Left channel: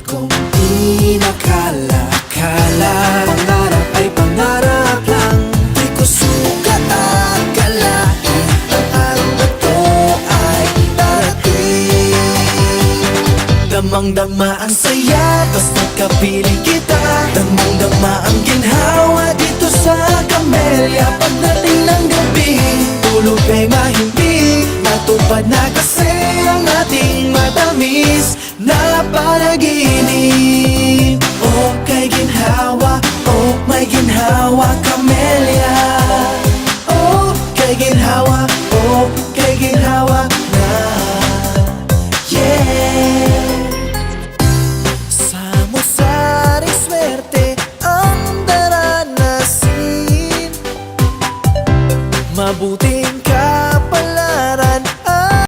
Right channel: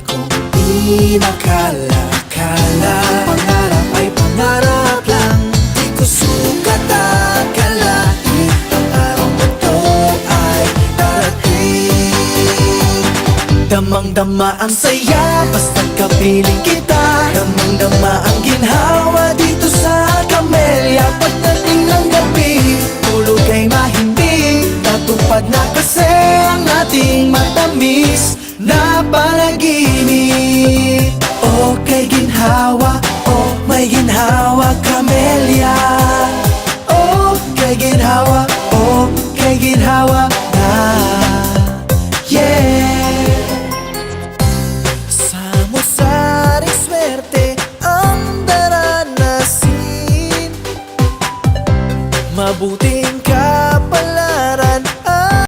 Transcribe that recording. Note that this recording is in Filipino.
Tagal kong inakala ang pangarap ay pangarap lang. Di ko sukat akalain ang araw na to ay darating. Damang-dama ang saya basta kapiling kita. Damang-dama ang ginhawa dito sa Camellia. Pagdating ng gabi, pulong ay mahimbing. Natupad na kasi ang ating matamis na panaginip. Oh, kay ginhawa, oh, may ginhawa, Camellia. Oh, kay ginhawa, oh, kay ginhawa na. Yeah. Samot-saring swerte ang daranasin. Mabuting